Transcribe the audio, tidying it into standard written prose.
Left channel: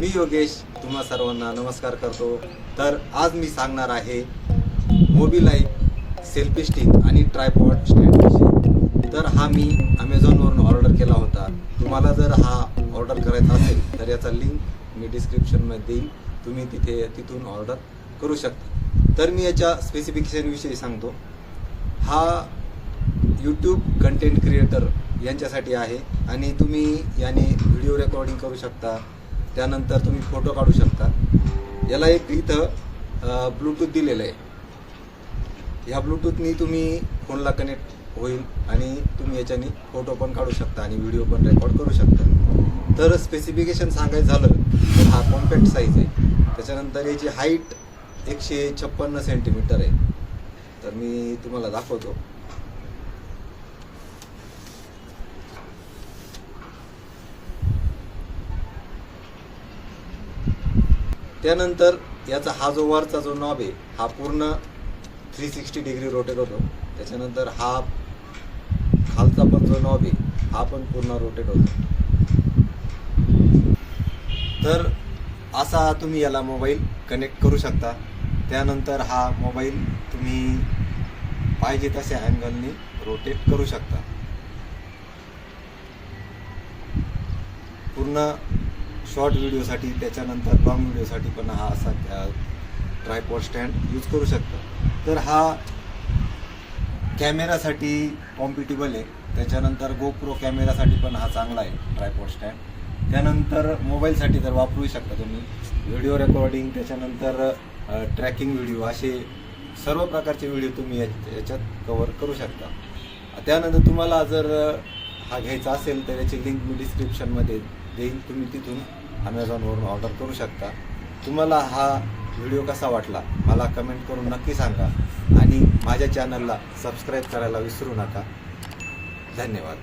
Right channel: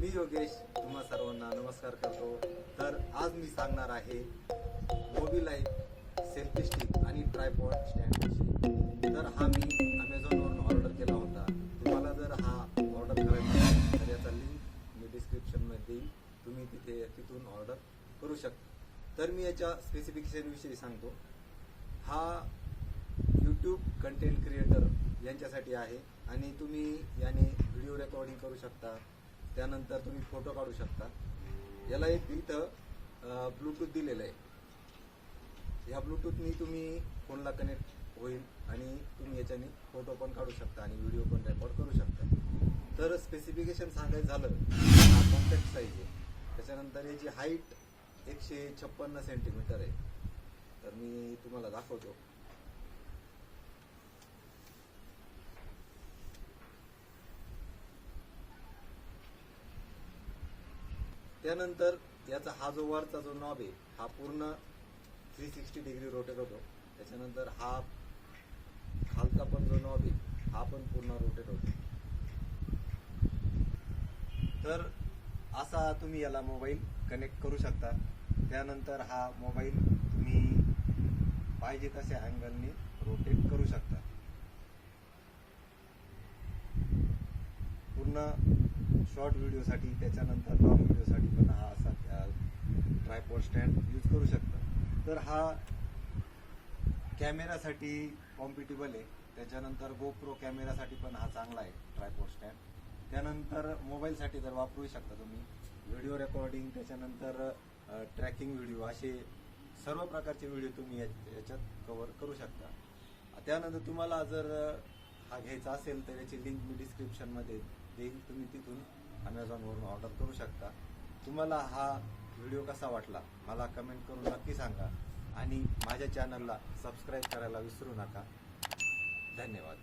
मी योगेश तुम्हा सर्वांना नमस्कार करतो। तर आज मी सांगणार आहे मोबिलाईक सेल्फी स्टिक आणि ट्रायपॉड स्टँड विषयी। तर हा मी Amazonवरून ऑर्डर केला होता। तुम्हाला जर हा ऑर्डर करायचा असेल तर याचा लिंक मी डिस्क्रिप्शनमध्ये देईल, तुम्ही तिथून ऑर्डर करू शकता। तर मी याच्या स्पेसिफिकेशन विषयी सांगतो। हा यूट्यूब कंटेंट क्रिएटर यांच्यासाठी आहे आणि तुम्ही याने व्हिडिओ रेकॉर्डिंग करू शकता, त्यानंतर तुम्ही फोटो काढू शकता। याला एक इथं ब्लूटूथ दिलेलं आहे। ह्या ब्लूटूथनी तुम्ही फोनला कनेक्ट होईल आणि तुम्ही याच्याने फोटो पण काढू शकता आणि व्हिडिओ पण रेकॉर्ड करू शकता। तर स्पेसिफिकेशन सांगायचं झालं तर हा कॉम्पॅक्ट साईज आहे। त्याच्यानंतर याची हाईट 156 सेंटीमीटर आहे। तर मी तुम्हाला दाखवतो। त्यानंतर याचा हा जो वरचा जो नॉब आहे हा पूर्ण 360 डिग्री रोटेट होतो। त्याच्यानंतर हा खालचा पण जो नॉब आहे हा पण पूर्ण रोटेट होतो। तर असा तुम्ही याला मोबाईल कनेक्ट करू शकता। त्यानंतर हा मोबाईल तुम्ही पाहिजे तशा अँगलनी रोटेट करू शकता। पूर्ण शॉर्ट व्हिडिओसाठी, त्याच्यानंतर लॉंग व्हिडिओसाठी पण हा असा ट्रायपॉड स्टँड यूज करू शकतो। तर हा कॅमेरासाठी कॉम्पिटेबल आहे। त्याच्यानंतर गोप्रो कॅमेरासाठी पण हा चांगला आहे ट्रायपॉड स्टँड। त्यानंतर मोबाईलसाठी तर वापरू शकता तुम्ही, व्हिडिओ रेकॉर्डिंग, त्याच्यानंतर ट्रॅकिंग व्हिडिओ, असे सर्व प्रकारचे व्हिडिओ तुम्ही याच्यात कव्हर करू शकता। त्यानंतर तुम्हाला जर हा घ्यायचा असेल तर याची लिंक मी डिस्क्रिप्शनमध्ये देईन, तुम्ही तिथून Amazonवरून ऑर्डर करू शकता। तुम्हाला हा व्हिडिओ कसा वाटला मला कमेंट करून नक्की सांगा आणि माझ्या चॅनलला सबस्क्राईब करायला विसरू नका। धन्यवाद।